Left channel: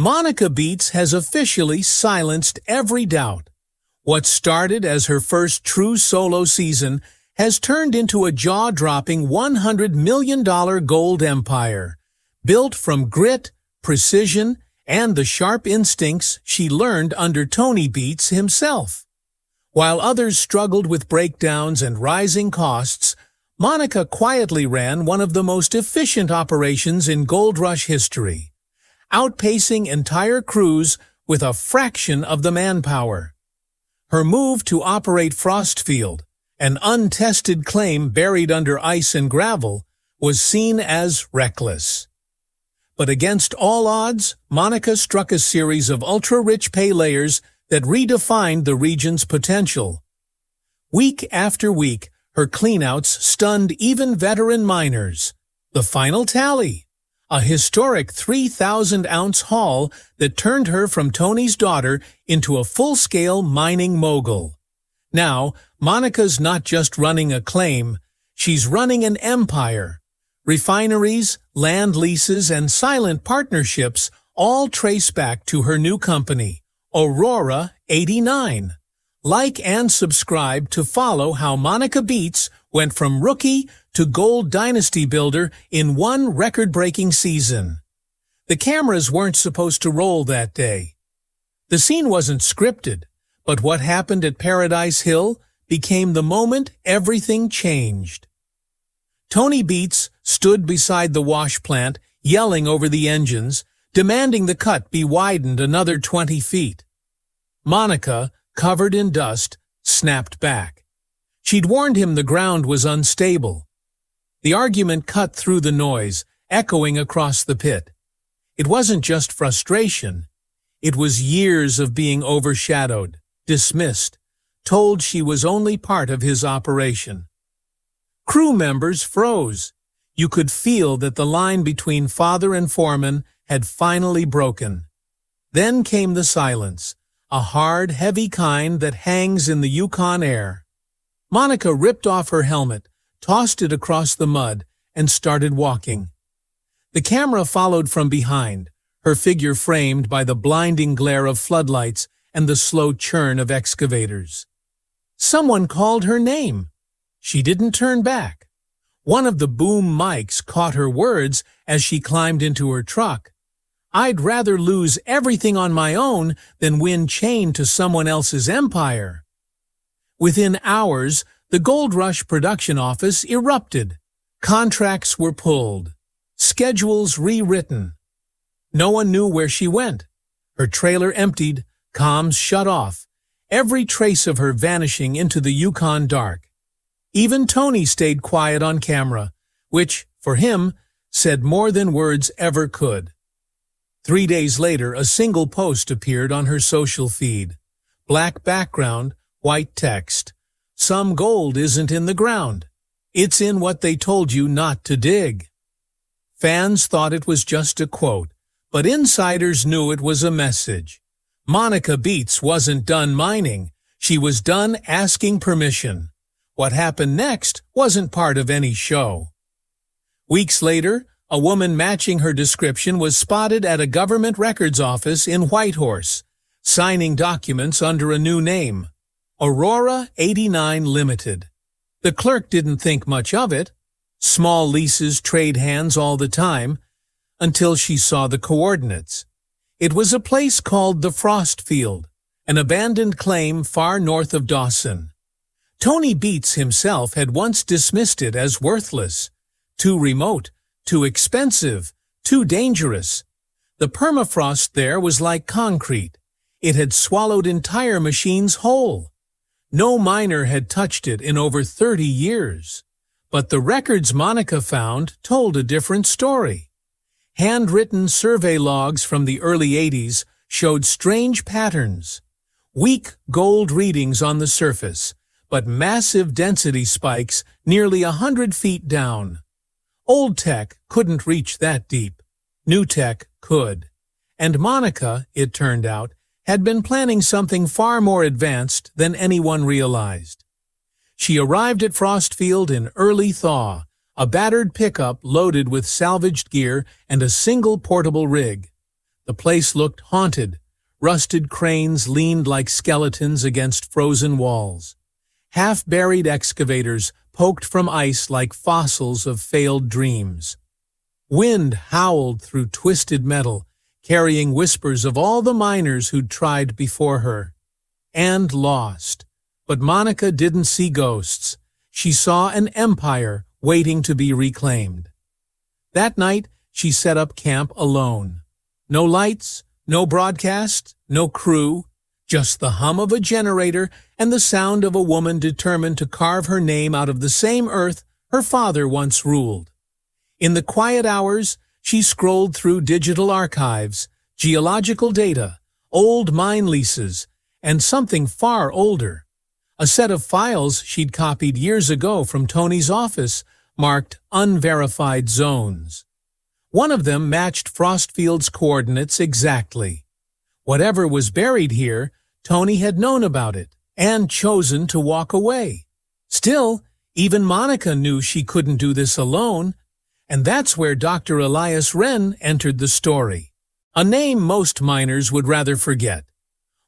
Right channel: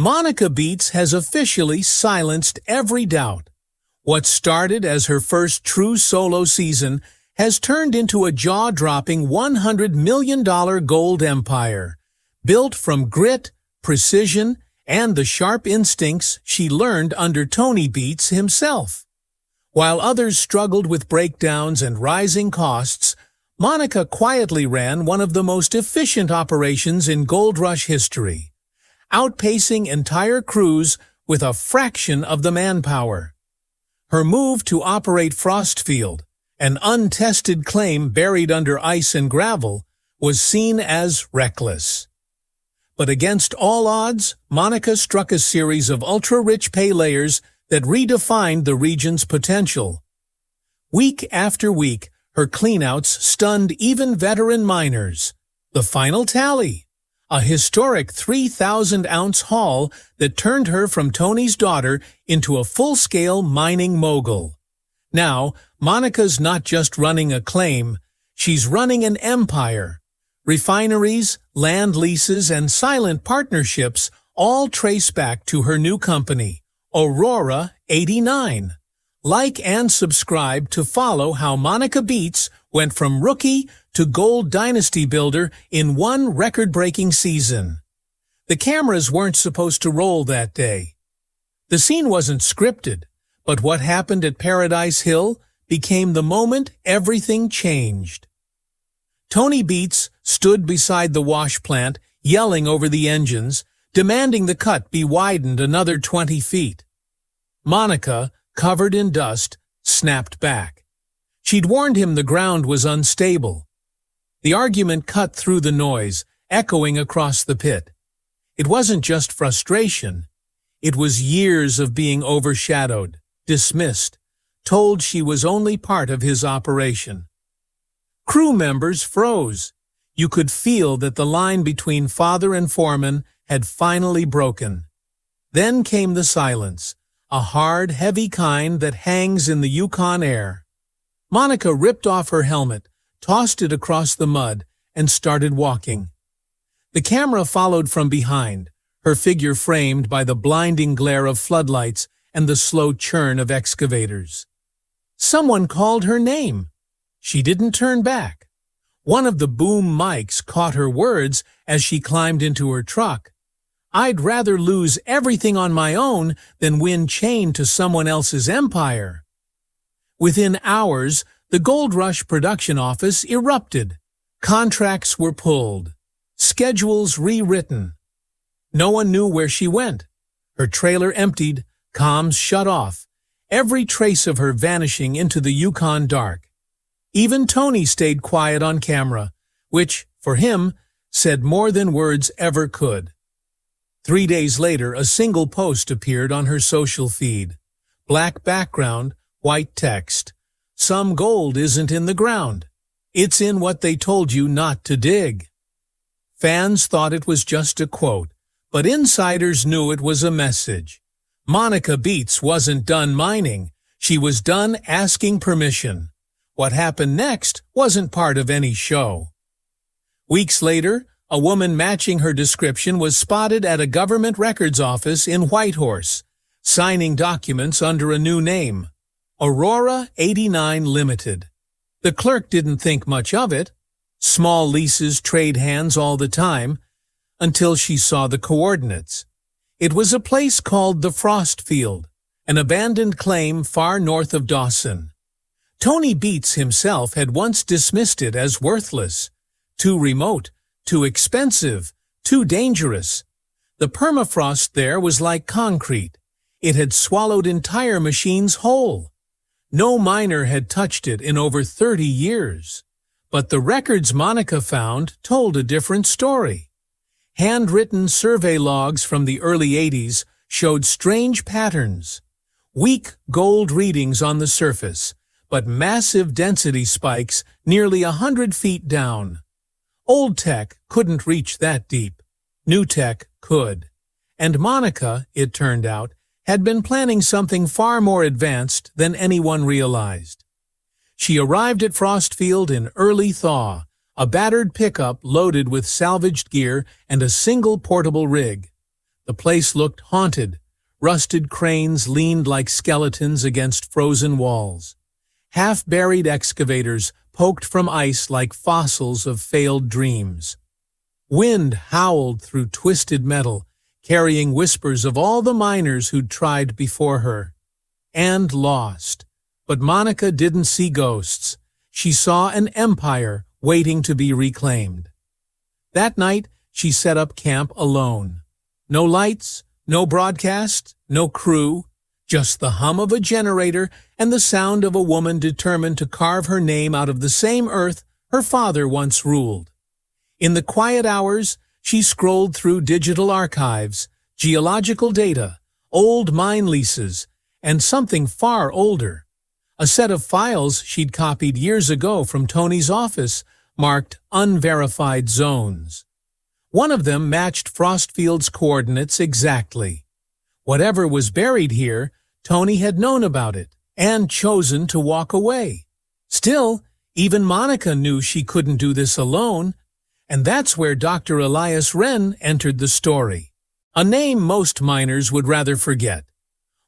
Monica Beets has officially silenced every doubt. What started as her first true solo season has turned into a jaw-dropping $100 million gold empire, built from grit, precision, and the sharp instincts she learned under Tony Beets himself. While others struggled with breakdowns and rising costs, Monica quietly ran one of the most efficient operations in gold rush history, outpacing entire crews with a fraction of the manpower. Her move to operate Frostfield, an untested claim buried under ice and gravel, was seen as reckless. But against all odds, Monica struck a series of ultra-rich pay layers that redefined the region's potential. Week after week, her cleanouts stunned even veteran miners. The final tally: a historic 3,000-ounce haul that turned her from Tony's daughter into a full-scale mining mogul. Now, Monica's not just running a claim, she's running an empire. Refineries, land leases, and silent partnerships all trace back to her new company, Aurora 89. Like and subscribe to follow how Monica Beets went from rookie to gold dynasty builder in one record-breaking season. The cameras weren't supposed to roll that day. The scene wasn't scripted, but what happened at Paradise Hill became the moment everything changed. Tony Beets stood beside the wash plant, yelling over the engines, demanding the cut be widened another 20 feet. Monica, covered in dust, snapped back. She'd warned him the ground was unstable. The argument cut through the noise, echoing across the pit. It wasn't just frustration. It was years of being overshadowed, dismissed, told she was only part of his operation. Crew members froze. You could feel that the line between father and foreman had finally broken. Then came the silence, a hard, heavy kind that hangs in the Yukon air. Monica ripped off her helmet, tossed it across the mud, and started walking. The camera followed from behind, her figure framed by the blinding glare of floodlights and the slow churn of excavators. Someone called her name. She didn't turn back. One of the boom mics caught her words as she climbed into her truck. I'd rather lose everything on my own than win chained to someone else's empire. Within hours, the Gold Rush production office erupted. Contracts were pulled. Schedules rewritten. No one knew where she went. Her trailer emptied, comms shut off, every trace of her vanishing into the Yukon dark. Even Tony stayed quiet on camera, which, for him, said more than words ever could. 3 days later, a single post appeared on her social feed. Black background, white text. Some gold isn't in the ground. It's in what they told you not to dig. Fans thought it was just a quote, but insiders knew it was a message. Monica Beets wasn't done mining. She was done asking permission. What happened next wasn't part of any show. Weeks later, a woman matching her description was spotted at a government records office in Whitehorse, signing documents under a new name, Aurora 89 Limited. The clerk didn't think much of it. Small leases trade hands all the time, until she saw the coordinates. It was a place called the Frostfield, an abandoned claim far north of Dawson. Tony Beets himself had once dismissed it as worthless, too remote, too expensive, too dangerous. The permafrost there was like concrete. It had swallowed entire machines whole. No miner had touched it in over 30 years. But the records Monica found told a different story. Handwritten survey logs from the early 80s showed strange patterns. Weak gold readings on the surface, but massive density spikes nearly 100 feet down. Old tech couldn't reach that deep. New tech could. And Monica, it turned out, had been planning something far more advanced than anyone realized. She arrived at Frostfield in early thaw, a battered pickup loaded with salvaged gear and a single portable rig. The place looked haunted. Rusted cranes leaned like skeletons against frozen walls. Half-buried excavators poked from ice like fossils of failed dreams. Wind howled through twisted metal, carrying whispers of all the miners who'd tried before her. And lost. But Monica didn't see ghosts. She saw an empire waiting to be reclaimed. That night, she set up camp alone. No lights, no broadcast, no crew, just the hum of a generator and the sound of a woman determined to carve her name out of the same earth her father once ruled. In the quiet hours, she scrolled through digital archives, geological data, old mine leases, and something far older. A set of files she'd copied years ago from Tony's office, marked unverified zones. One of them matched Frostfield's coordinates exactly. Whatever was buried here, Tony had known about it and chosen to walk away. Still, even Monica knew she couldn't do this alone, and that's where Dr. Elias Wren entered the story. A name most miners would rather forget.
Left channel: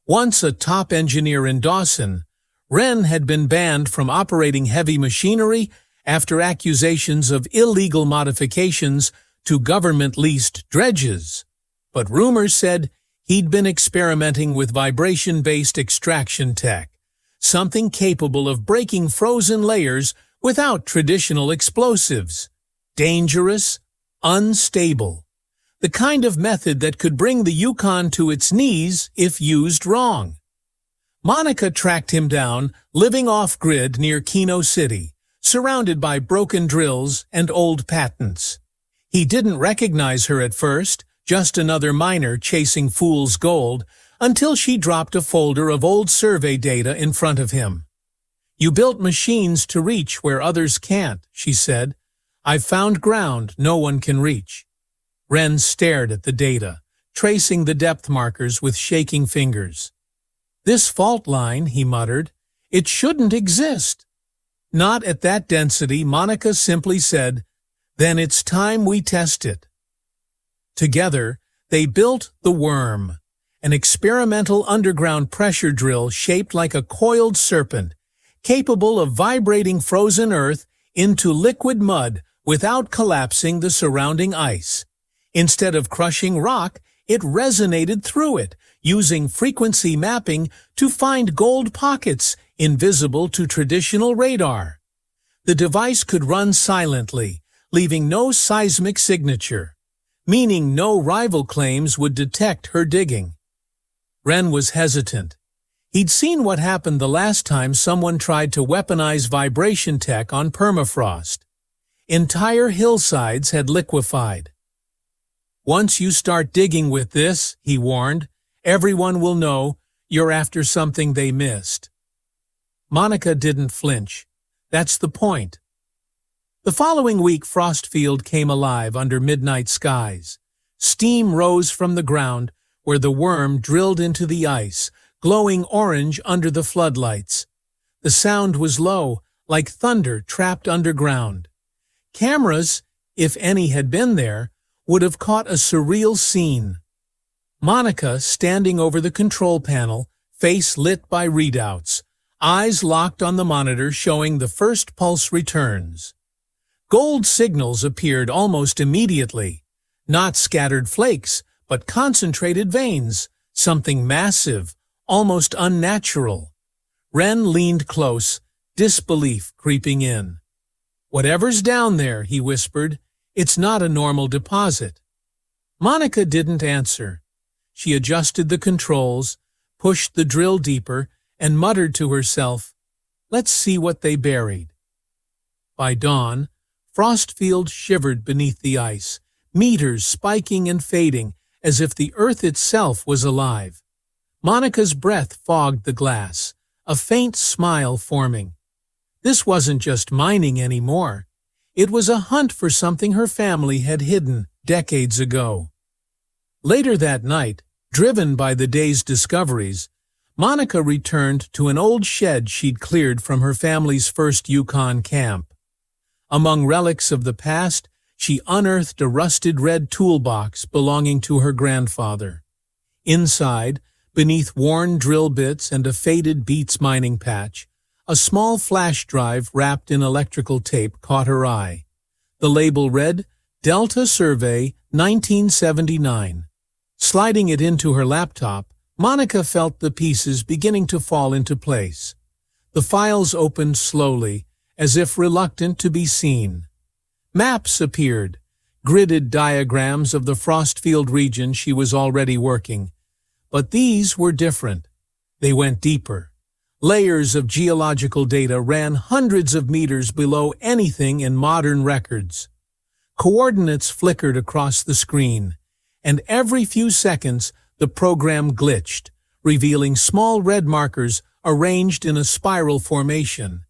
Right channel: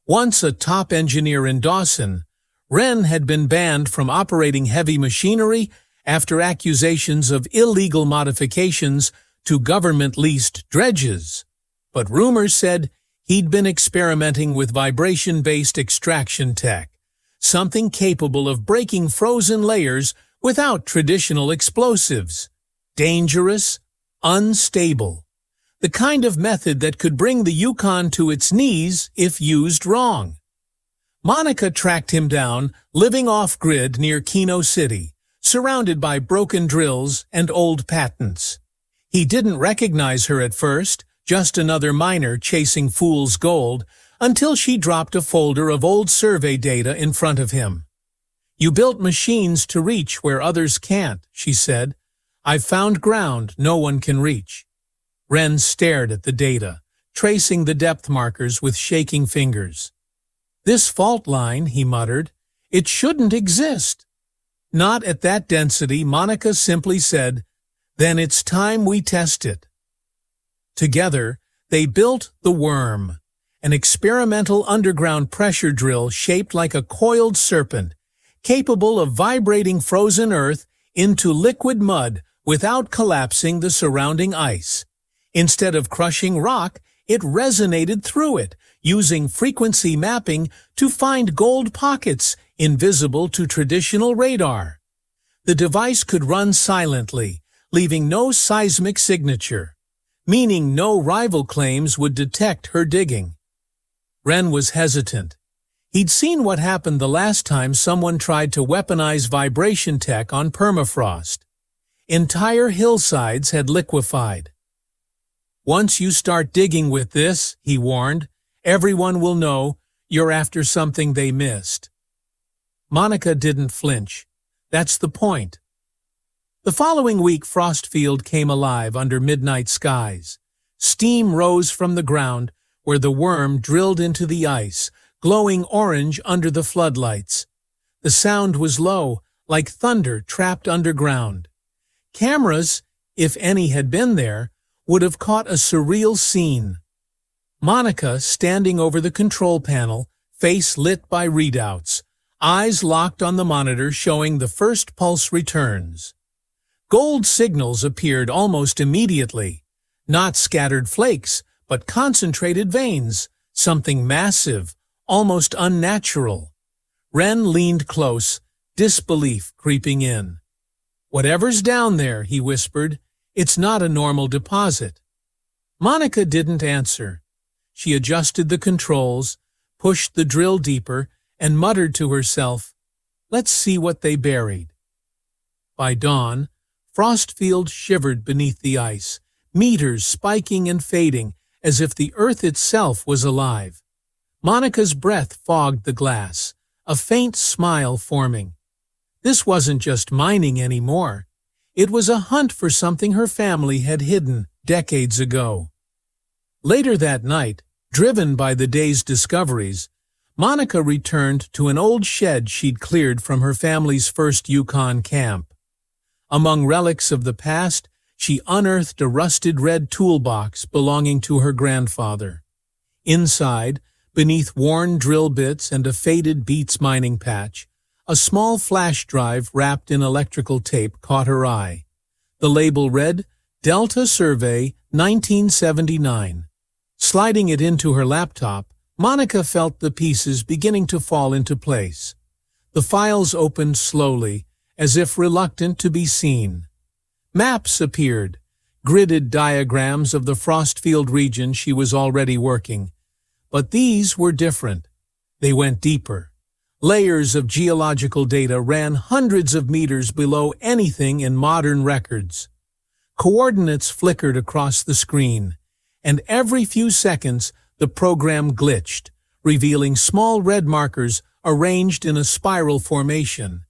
Once a top engineer in Dawson, Wren had been banned from operating heavy machinery after accusations of illegal modifications to government-leased dredges. But rumors said he'd been experimenting with vibration-based extraction tech, something capable of breaking frozen layers without traditional explosives. Dangerous, unstable. The kind of method that could bring the Yukon to its knees if used wrong. Monica tracked him down, living off-grid near Keno City, surrounded by broken drills and old patents. He didn't recognize her at first, just another miner chasing fool's gold, until she dropped a folder of old survey data in front of him. "You built machines to reach where others can't," she said. "I've found ground no one can reach." Wren stared at the data, tracing the depth markers with shaking fingers. "This fault line," he muttered, "it shouldn't exist." "Not at that density," Monica simply said. "Then it's time we test it." Together, they built the Worm, an experimental underground pressure drill shaped like a coiled serpent, capable of vibrating frozen earth into liquid mud without collapsing the surrounding ice. Instead of crushing rock, it resonated through it, using frequency mapping to find gold pockets invisible to traditional radar. The device could run silently, leaving no seismic signature, meaning no rival claims would detect her digging. Wren was hesitant. He'd seen what happened the last time someone tried to weaponize vibration tech on permafrost. Entire hillsides had liquefied. "Once you start digging with this," he warned, "everyone will know you're after something they missed." Monica didn't flinch. That's the point. The following week, Frostfield came alive under midnight skies. Steam rose from the ground where the Worm drilled into the ice, glowing orange under the floodlights. The sound was low, like thunder trapped underground. Cameras, if any had been there, would have caught a surreal scene. Monica standing over the control panel, face lit by readouts, eyes locked on the monitor showing the first pulse returns. Gold signals appeared almost immediately, not scattered flakes, but concentrated veins, something massive, almost unnatural. Wren leaned close, disbelief creeping in. "Whatever's down there," he whispered, "it's not a normal deposit." Monica didn't answer. She adjusted the controls, pushed the drill deeper, and muttered to herself, "Let's see what they buried." By dawn, Frostfield shivered beneath the ice, meters spiking and fading, as if the earth itself was alive. Monica's breath fogged the glass, a faint smile forming. This wasn't just mining anymore. It was a hunt for something her family had hidden decades ago. Later that night, driven by the day's discoveries, Monica returned to an old shed she'd cleared from her family's first Yukon camp. Among relics of the past, She unearthed a rusted red toolbox belonging to her grandfather. Inside, beneath worn drill bits and a faded Beets mining patch, a small flash drive wrapped in electrical tape caught her eye. The label read, Delta Survey 1979. Sliding it into her laptop, Monica felt the pieces beginning to fall into place. The files opened slowly, as if reluctant to be seen. Maps appeared, gridded diagrams of the Frostfield region she was already working. But these were different. They went deeper. Layers of geological data ran hundreds of meters below anything in modern records. Coordinates flickered across the screen, and every few seconds the program glitched, revealing small red markers arranged in a spiral formation.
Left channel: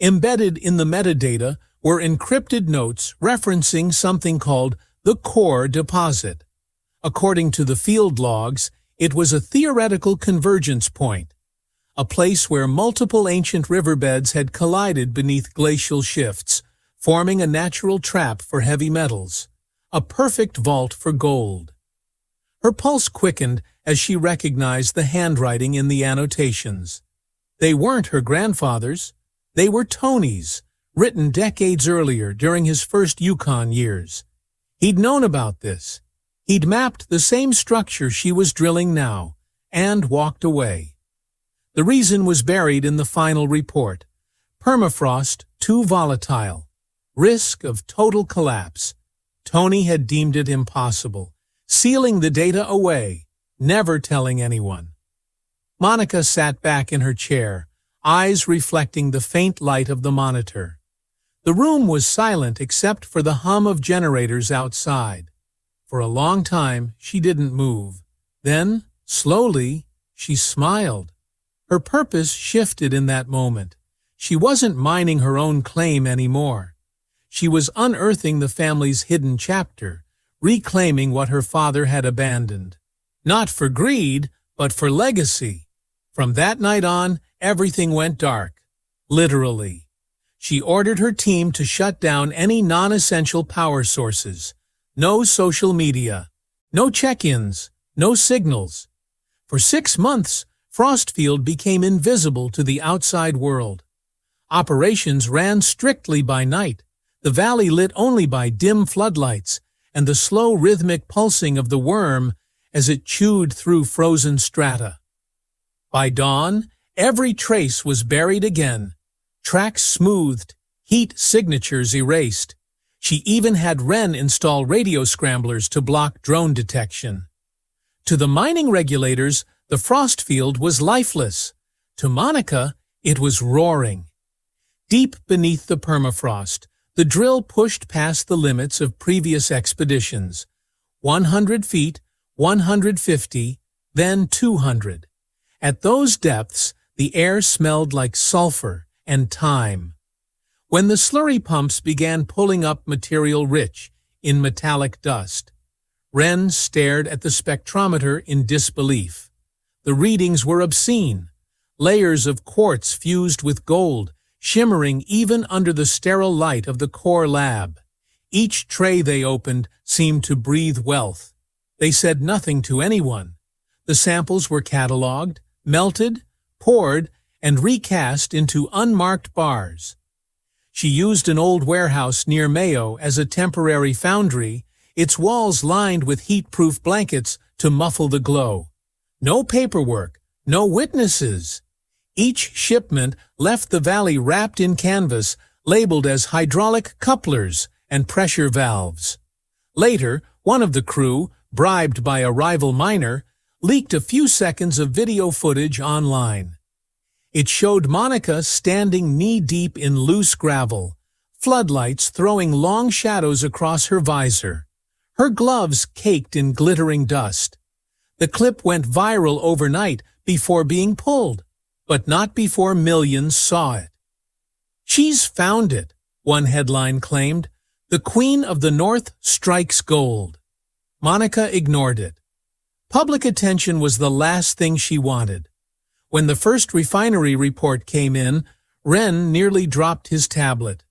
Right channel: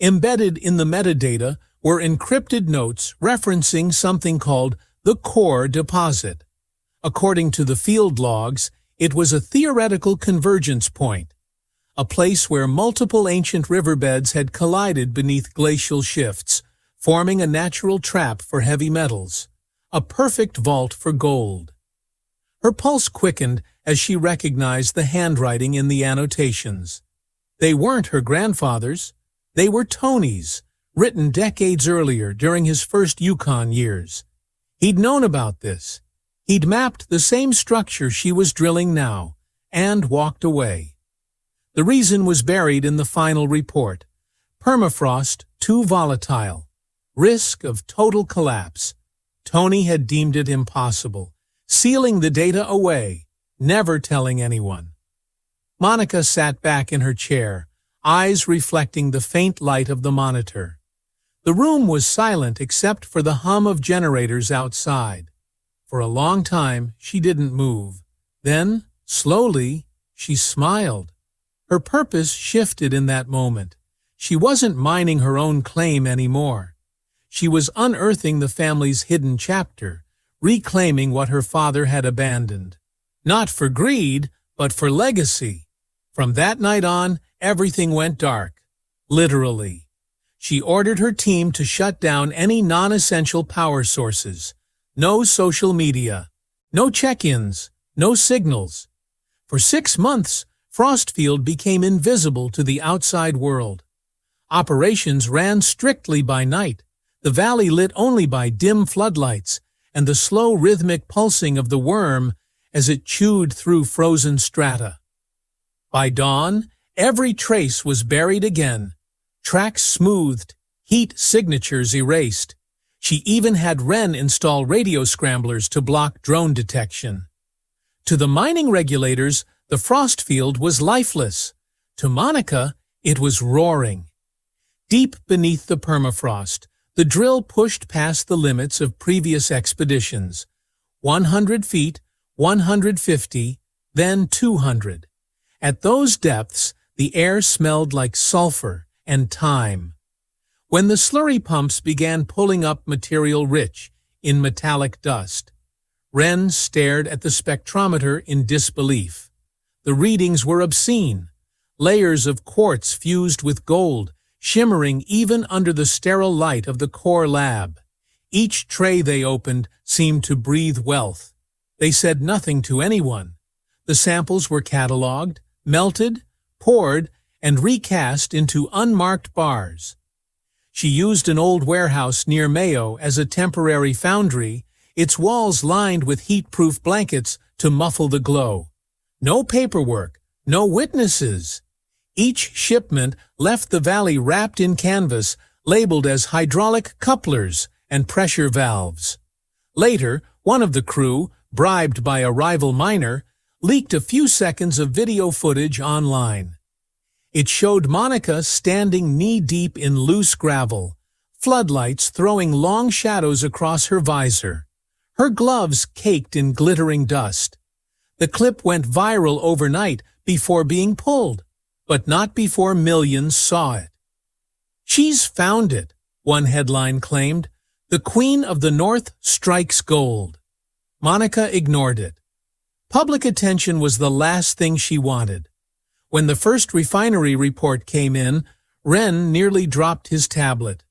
Embedded in the metadata were encrypted notes referencing something called the core deposit. According to the field logs, it was a theoretical convergence point, a place where multiple ancient riverbeds had collided beneath glacial shifts, forming a natural trap for heavy metals, a perfect vault for gold. Her pulse quickened as she recognized the handwriting in the annotations. They weren't her grandfather's. They were Tony's, written decades earlier during his first Yukon years. He'd known about this. He'd mapped the same structure she was drilling now, and walked away. The reason was buried in the final report. Permafrost too volatile. Risk of total collapse. Tony had deemed it impossible, sealing the data away, never telling anyone. Monica sat back in her chair, eyes reflecting the faint light of the monitor. The room was silent except for the hum of generators outside. For a long time, she didn't move. Then, slowly, she smiled. Her purpose shifted in that moment. She wasn't mining her own claim anymore. She was unearthing the family's hidden chapter, reclaiming what her father had abandoned. Not for greed, but for legacy. From that night on, everything went dark. Literally. She ordered her team to shut down any non-essential power sources. No social media. No check-ins. No signals. For 6 months, Frostfield became invisible to the outside world. Operations ran strictly by night, the valley lit only by dim floodlights and the slow rhythmic pulsing of the worm as it chewed through frozen strata. By dawn, every trace was buried again, tracks smoothed, heat signatures erased. She even had Wren install radio scramblers to block drone detection. To the mining regulators, the Frostfield was lifeless. To Monica, it was roaring. Deep beneath the permafrost, the drill pushed past the limits of previous expeditions. 100 feet, 150, then 200. At those depths, the air smelled like sulfur and time. When the slurry pumps began pulling up material rich in metallic dust, Wren stared at the spectrometer in disbelief. The readings were obscene. Layers of quartz fused with gold, shimmering even under the sterile light of the core lab. Each tray they opened seemed to breathe wealth. They said nothing to anyone. The samples were catalogued, melted, poured, and recast into unmarked bars. She used an old warehouse near Mayo as a temporary foundry, its walls lined with heat-proof blankets to muffle the glow. No paperwork, no witnesses. Each shipment left the valley wrapped in canvas, labeled as hydraulic couplers and pressure valves. Later, one of the crew, bribed by a rival miner, leaked a few seconds of video footage online. It showed Monica standing knee-deep in loose gravel, floodlights throwing long shadows across her visor. Her gloves caked in glittering dust. The clip went viral overnight before being pulled, but not before millions saw it. "She's found it," one headline claimed. "The Queen of the North strikes gold." Monica ignored it. Public attention was the last thing she wanted. When the first refinery report came in, Wren nearly dropped his tablet.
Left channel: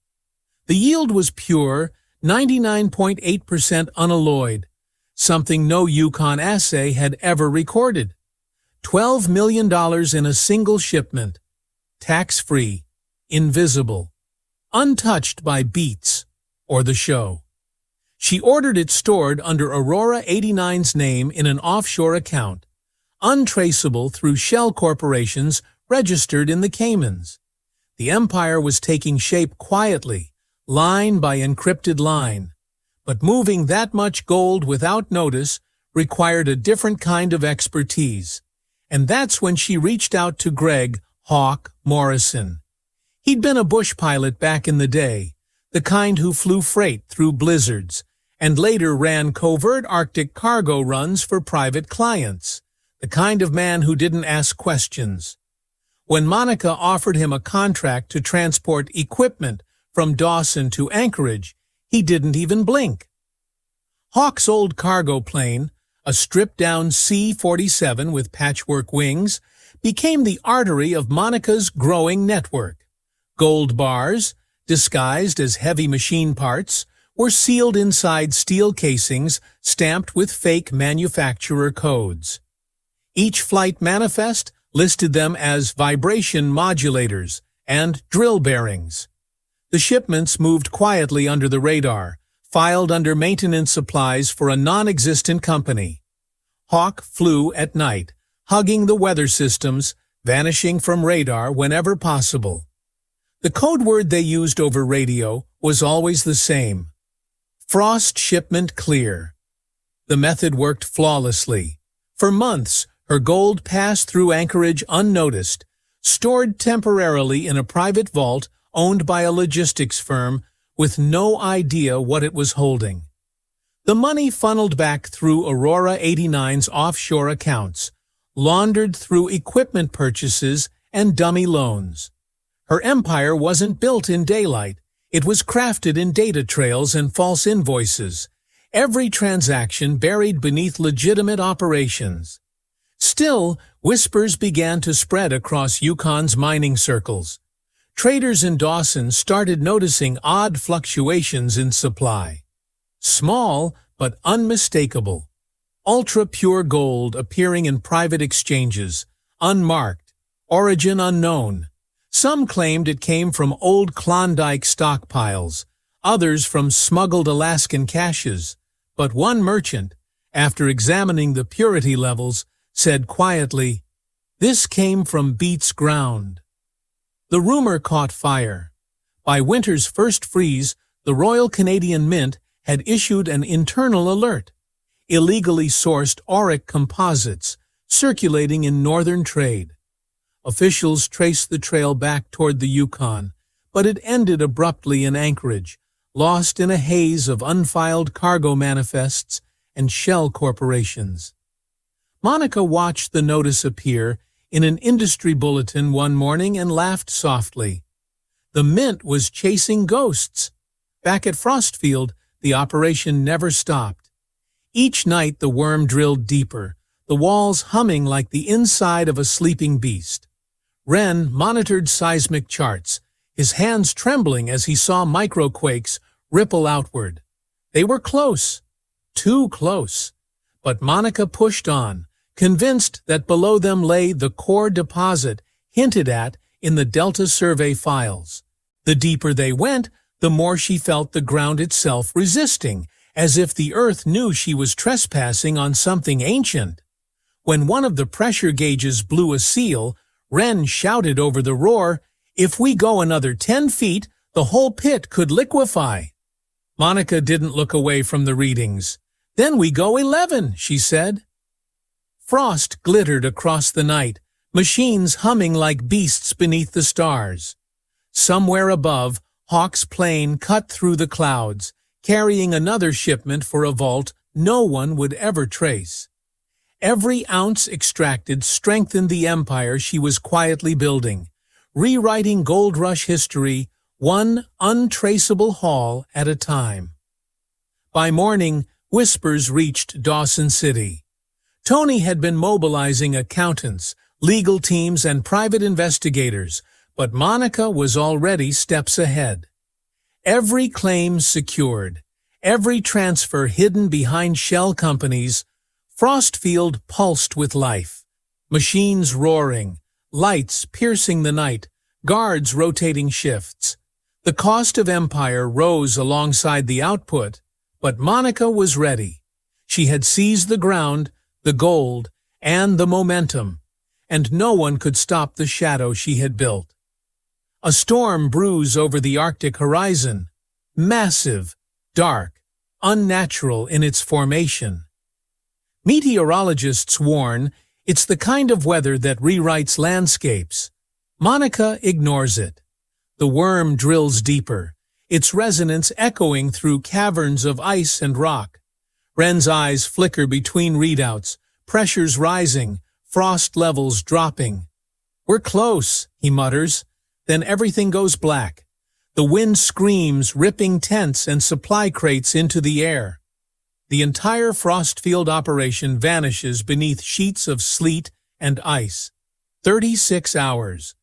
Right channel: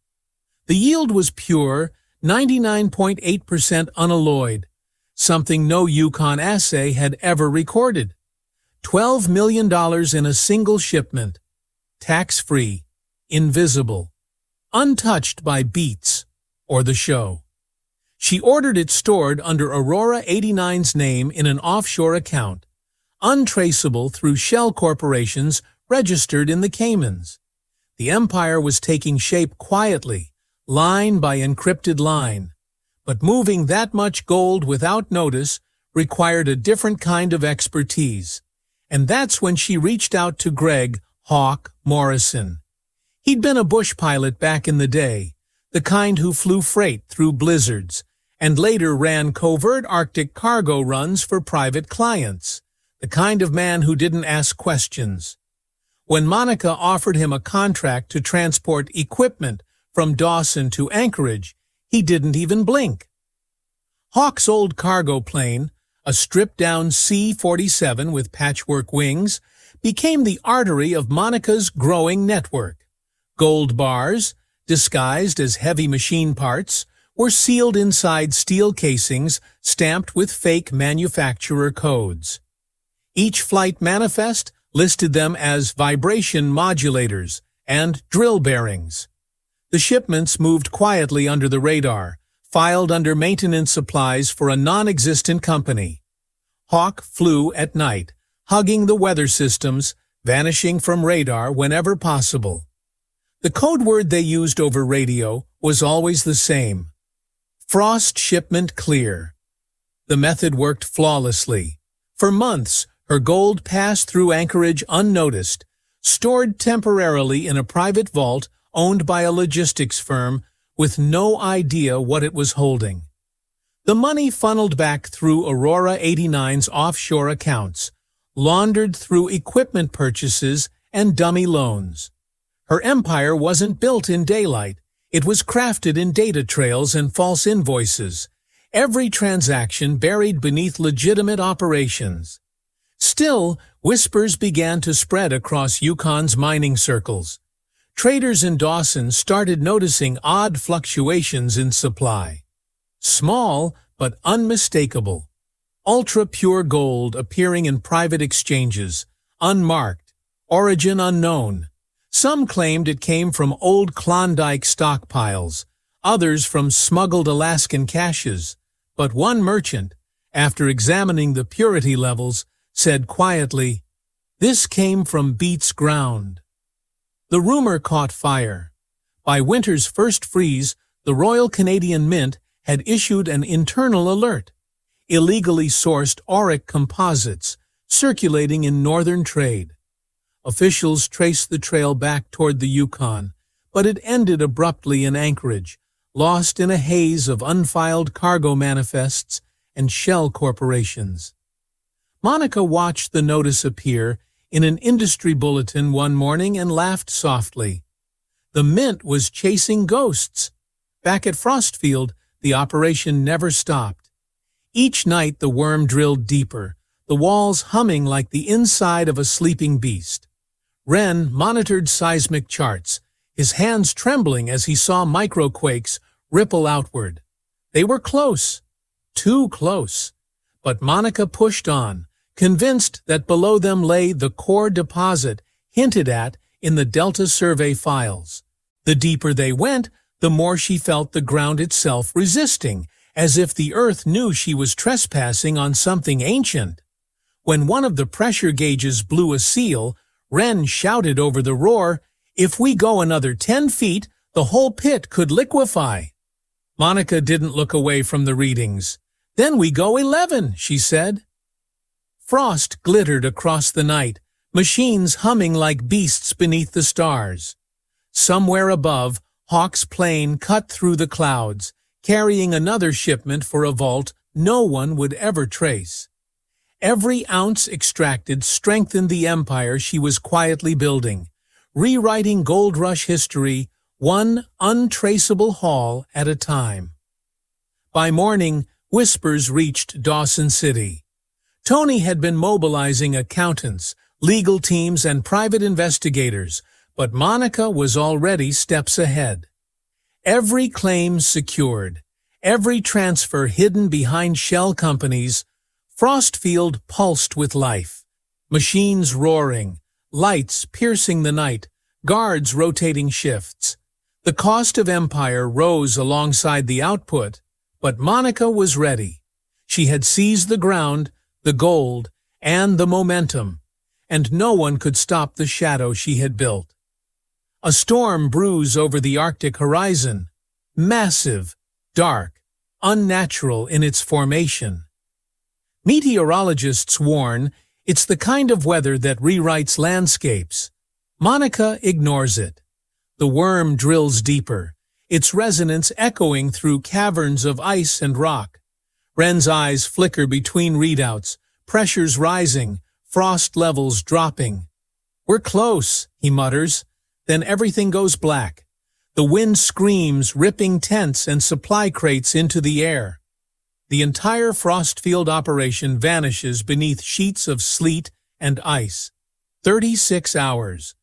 The yield was pure, 99.8% unalloyed, something no Yukon assay had ever recorded. $12 million in a single shipment, tax-free, invisible, untouched by Beets or the show. She ordered it stored under Aurora 89's name in an offshore account, untraceable through shell corporations registered in the Caymans. The empire was taking shape quietly, line by encrypted line. But moving that much gold without notice required a different kind of expertise. And that's when she reached out to Greg "Hawk" Morrison. He'd been a bush pilot back in the day, the kind who flew freight through blizzards, and later ran covert Arctic cargo runs for private clients, the kind of man who didn't ask questions. When Monica offered him a contract to transport equipment from Dawson to Anchorage, he didn't even blink. Hawk's old cargo plane, a stripped-down C-47 with patchwork wings, became the artery of Monica's growing network. Gold bars, disguised as heavy machine parts, were sealed inside steel casings stamped with fake manufacturer codes. Each flight manifest listed them as vibration modulators and drill bearings. The shipments moved quietly under the radar, filed under maintenance supplies for a non-existent company. Hawk flew at night, hugging the weather systems, vanishing from radar whenever possible. The code word they used over radio was always the same: Frost shipment clear. The method worked flawlessly. For months, her gold passed through Anchorage unnoticed, stored temporarily in a private vault owned by a logistics firm with no idea what it was holding. The money funneled back through Aurora 89's offshore accounts, laundered through equipment purchases and dummy loans. Her empire wasn't built in daylight. It was crafted in data trails and false invoices, every transaction buried beneath legitimate operations. Still, whispers began to spread across Yukon's mining circles. Traders in Dawson started noticing odd fluctuations in supply. Small, but unmistakable. Ultra-pure gold appearing in private exchanges, unmarked, origin unknown. Some claimed it came from old Klondike stockpiles, others from smuggled Alaskan caches. But one merchant, after examining the purity levels, said quietly, "This came from Beets ground." The rumor caught fire. By winter's first freeze, the Royal Canadian Mint had issued an internal alert: illegally sourced auric composites circulating in northern trade. Officials traced the trail back toward the Yukon, but it ended abruptly in Anchorage, lost in a haze of unfiled cargo manifests and shell corporations. Monica watched the notice appear in an industry bulletin one morning and laughed softly. The Mint was chasing ghosts. Back at Frostfield, the operation never stopped. Each night the worm drilled deeper, the walls humming like the inside of a sleeping beast. Wren monitored seismic charts, his hands trembling as he saw microquakes ripple outward. They were close, too close. But Monica pushed on, convinced that below them lay the core deposit hinted at in the Delta Survey files. The deeper they went, the more she felt the ground itself resisting, as if the earth knew she was trespassing on something ancient. When one of the pressure gauges blew a seal, Wren shouted over the roar, "If we go another 10 feet, the whole pit could liquefy." Monica didn't look away from the readings. "Then we go 11, she said. Frost glittered across the night, machines humming like beasts beneath the stars. Somewhere above, Hawk's plane cut through the clouds, carrying another shipment for a vault no one would ever trace. Every ounce extracted strengthened the empire she was quietly building, rewriting gold rush history one untraceable haul at a time. By morning, whispers reached Dawson City. Tony had been mobilizing accountants, legal teams, and private investigators, but Monica was already steps ahead. Every claim secured, every transfer hidden behind shell companies, Frostfield pulsed with life. Machines roaring, lights piercing the night, guards rotating shifts. The cost of empire rose alongside the output, but Monica was ready. She had seized the ground, the gold, and the momentum, and no one could stop the shadow she had built. A storm brews over the Arctic horizon, massive, dark, unnatural in its formation. Meteorologists warn it's the kind of weather that rewrites landscapes. Monica ignores it. The worm drills deeper, its resonance echoing through caverns of ice and rock. Wren's eyes flicker between readouts, pressures rising, frost levels dropping. "We're close," he mutters. Then everything goes black. The wind screams, ripping tents and supply crates into the air. The entire Frostfield operation vanishes beneath sheets of sleet and ice. 36 hours.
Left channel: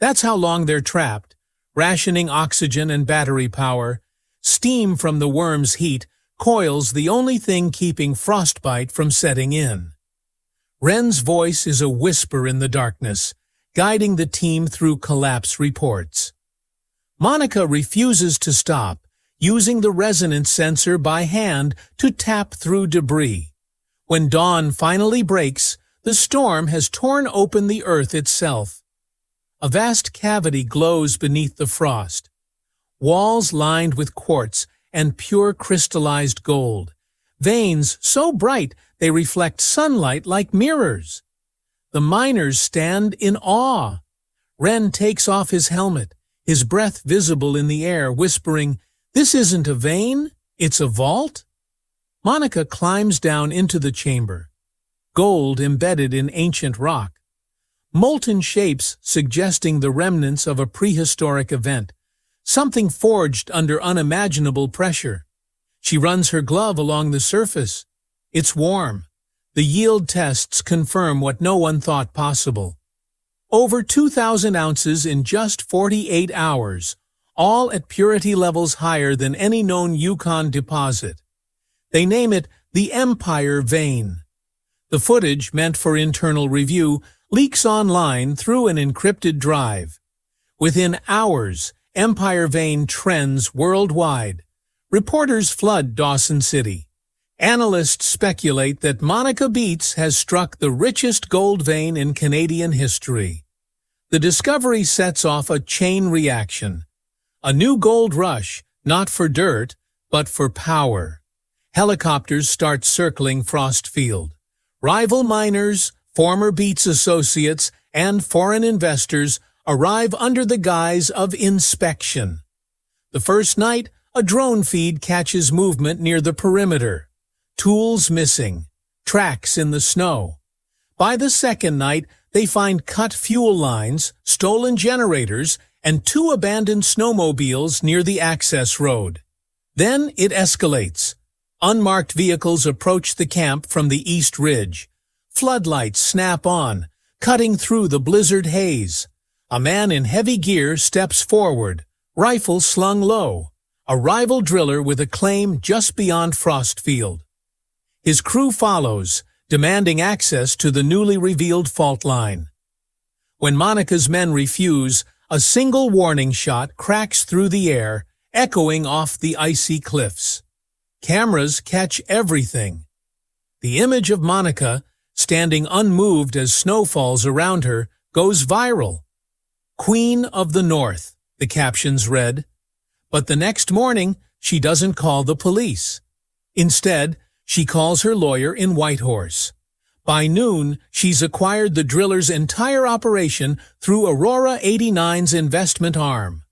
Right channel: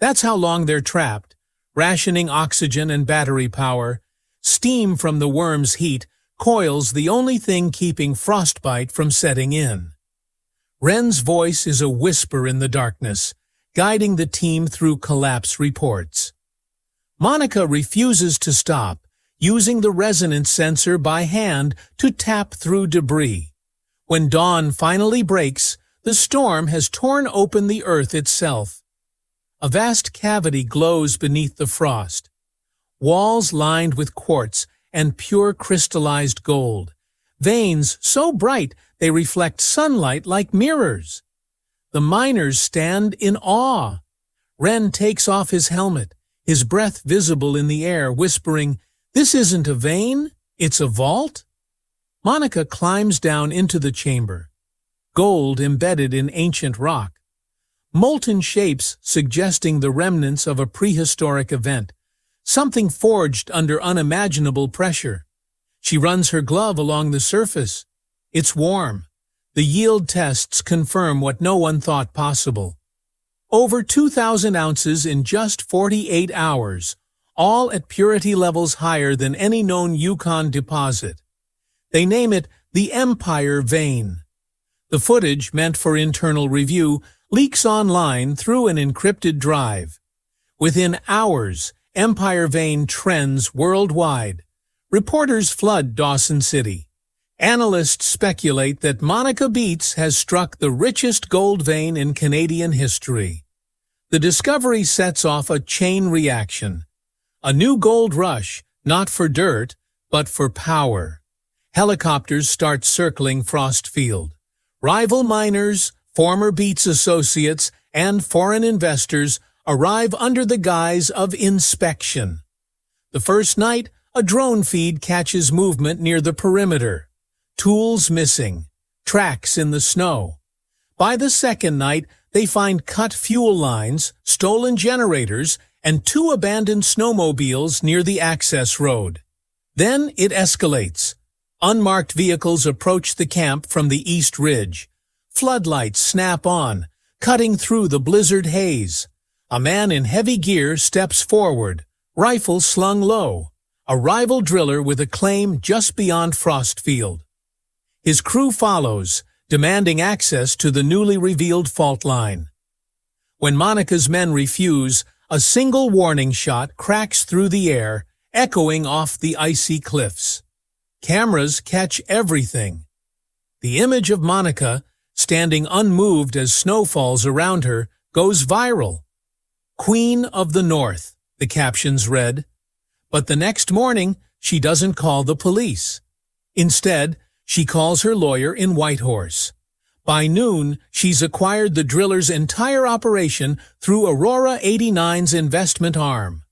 That's how long they're trapped, rationing oxygen and battery power. Steam from the worm's heat coils the only thing keeping frostbite from setting in. Wren's voice is a whisper in the darkness, guiding the team through collapse reports. Monica refuses to stop, using the resonance sensor by hand to tap through debris. When dawn finally breaks, the storm has torn open the earth itself. A vast cavity glows beneath the frost, walls lined with quartz and pure crystallized gold, veins so bright they reflect sunlight like mirrors. The miners stand in awe. Wren takes off his helmet, his breath visible in the air, whispering, "This isn't a vein, it's a vault." Monica climbs down into the chamber, gold embedded in ancient rock, molten shapes suggesting the remnants of a prehistoric event, something forged under unimaginable pressure. She runs her glove along the surface. It's warm. The yield tests confirm what no one thought possible. Over 2,000 ounces in just 48 hours, all at purity levels higher than any known Yukon deposit. They name it the Empire Vein. The footage, meant for internal review, leaks online through an encrypted drive. Within hours, Empire Vein trends worldwide. Reporters flood Dawson City. Analysts speculate that Monica Beets has struck the richest gold vein in Canadian history. The discovery sets off a chain reaction. A new gold rush, not for dirt, but for power. Helicopters start circling Frostfield. Rival miners, former Beets associates, and foreign investors arrive under the guise of inspection. The first night, a drone feed catches movement near the perimeter. Tools missing, tracks in the snow. By the second night, they find cut fuel lines, stolen generators, and 2 abandoned snowmobiles near the access road. Then it escalates. Unmarked vehicles approach the camp from the East Ridge. Floodlights snap on, cutting through the blizzard haze. A man in heavy gear steps forward, rifle slung low, a rival driller with a claim just beyond Frostfield. His crew follows, demanding access to the newly revealed fault line. When Monica's men refuse, a single warning shot cracks through the air, echoing off the icy cliffs. Cameras catch everything. The image of Monica, standing unmoved as snow falls around her, goes viral. "Queen of the North," the captions read. But the next morning, she doesn't call the police. Instead, she calls her lawyer in Whitehorse. By noon, she's acquired the driller's entire operation through Aurora 89's investment arm.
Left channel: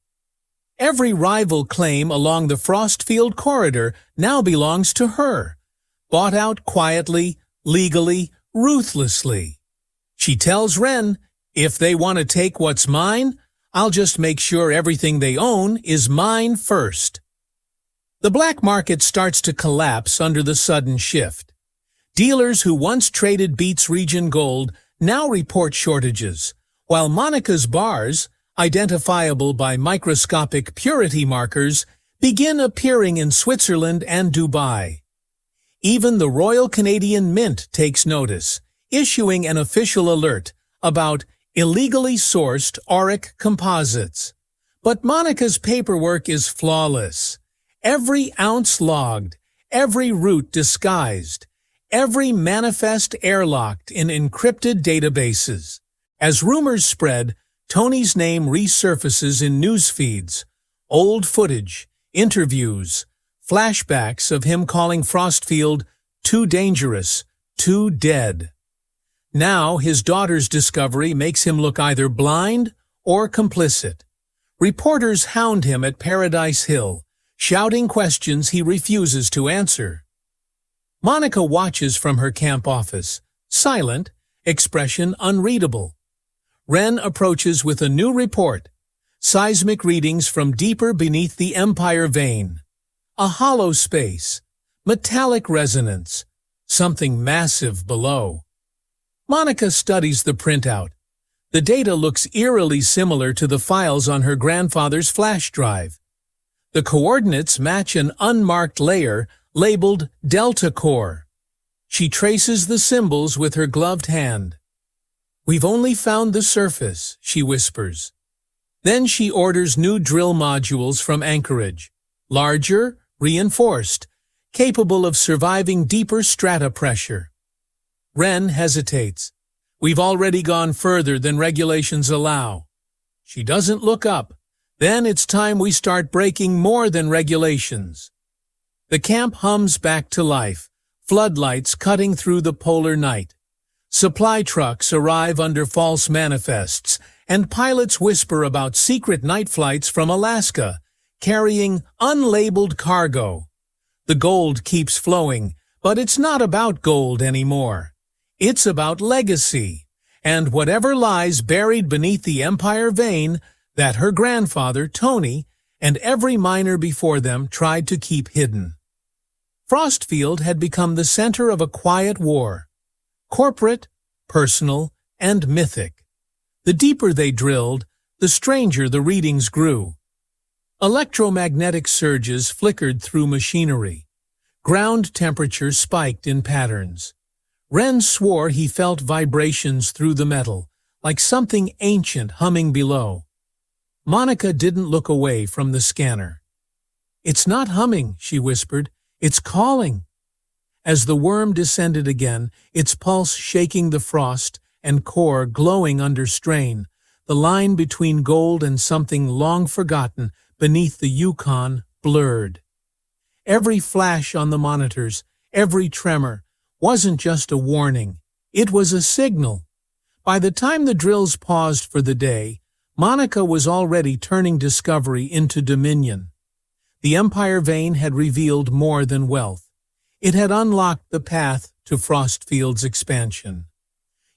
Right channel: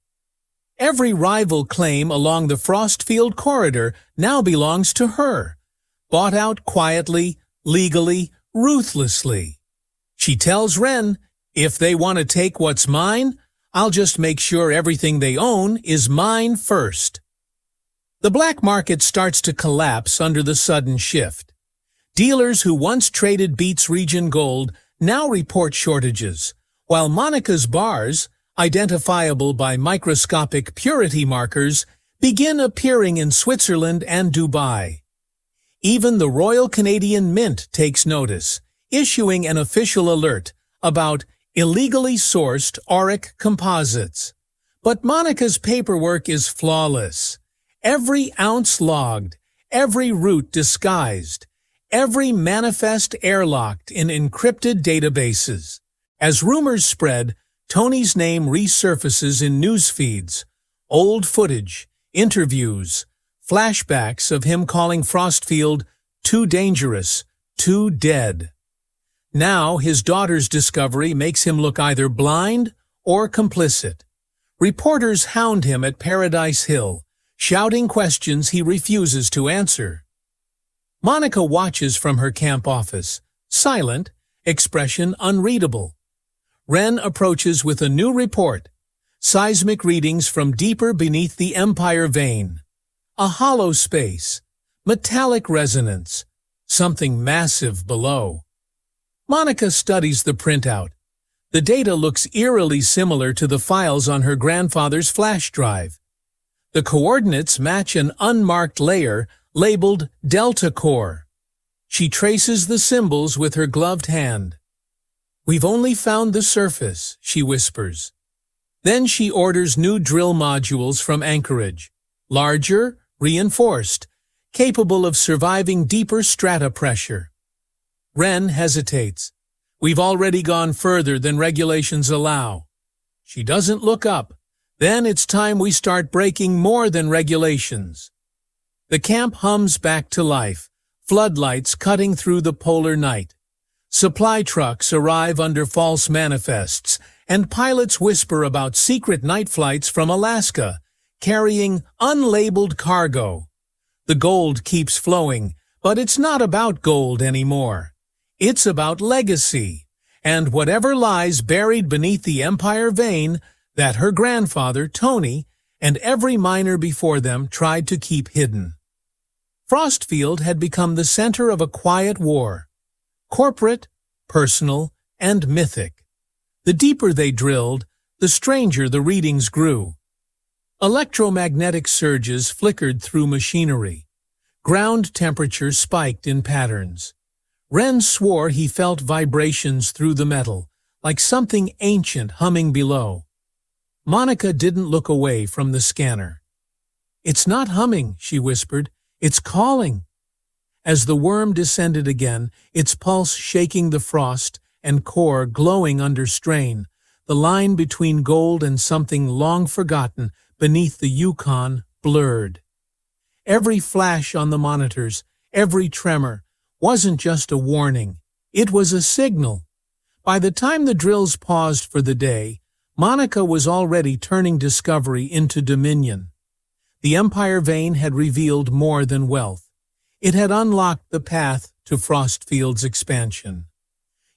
Every rival claim along the Frostfield corridor now belongs to her, bought out quietly, legally, ruthlessly. She tells Wren, "If they want to take what's mine, I'll just make sure everything they own is mine first." The black market starts to collapse under the sudden shift. Dealers who once traded Beets region gold now report shortages, while Monica's bars, identifiable by microscopic purity markers, begin appearing in Switzerland and Dubai. Even the Royal Canadian Mint takes notice, issuing an official alert about illegally sourced auric composites. But Monica's paperwork is flawless. Every ounce logged, every route disguised, every manifest airlocked in encrypted databases. As rumors spread, Tony's name resurfaces in news feeds, old footage, interviews, flashbacks of him calling Frostfield too dangerous, too dead. Now his daughter's discovery makes him look either blind or complicit. Reporters hound him at Paradise Hill, shouting questions he refuses to answer. Monica watches from her camp office, silent, expression unreadable. Wren approaches with a new report, seismic readings from deeper beneath the Empire vein. A hollow space, metallic resonance, something massive below. Monica studies the printout. The data looks eerily similar to the files on her grandfather's flash drive. The coordinates match an unmarked layer labeled Delta Core. She traces the symbols with her gloved hand. "We've only found the surface," she whispers. Then she orders new drill modules from Anchorage. Larger, reinforced, capable of surviving deeper strata pressure. Wren hesitates. "We've already gone further than regulations allow." She doesn't look up. "Then it's time we start breaking more than regulations." The camp hums back to life, floodlights cutting through the polar night. Supply trucks arrive under false manifests, and pilots whisper about secret night flights from Alaska, carrying unlabeled cargo. The gold keeps flowing, but it's not about gold anymore. It's about legacy, and whatever lies buried beneath the Empire vein that her grandfather, Tony, and every miner before them tried to keep hidden. Frostfield had become the center of a quiet war, corporate, personal, and mythic. The deeper they drilled, the stranger the readings grew. Electromagnetic surges flickered through machinery. Ground temperature spiked in patterns. Wren swore he felt vibrations through the metal, like something ancient humming below. Monica didn't look away from the scanner. "It's not humming," she whispered. "It's calling." As the worm descended again, its pulse shaking the frost and core glowing under strain, the line between gold and something long forgotten beneath the Yukon blurred. Every flash on the monitors, every tremor, wasn't just a warning. It was a signal. By the time the drills paused for the day, Monica was already turning discovery into dominion. The Empire vein had revealed more than wealth. It had unlocked the path to Frostfield's expansion.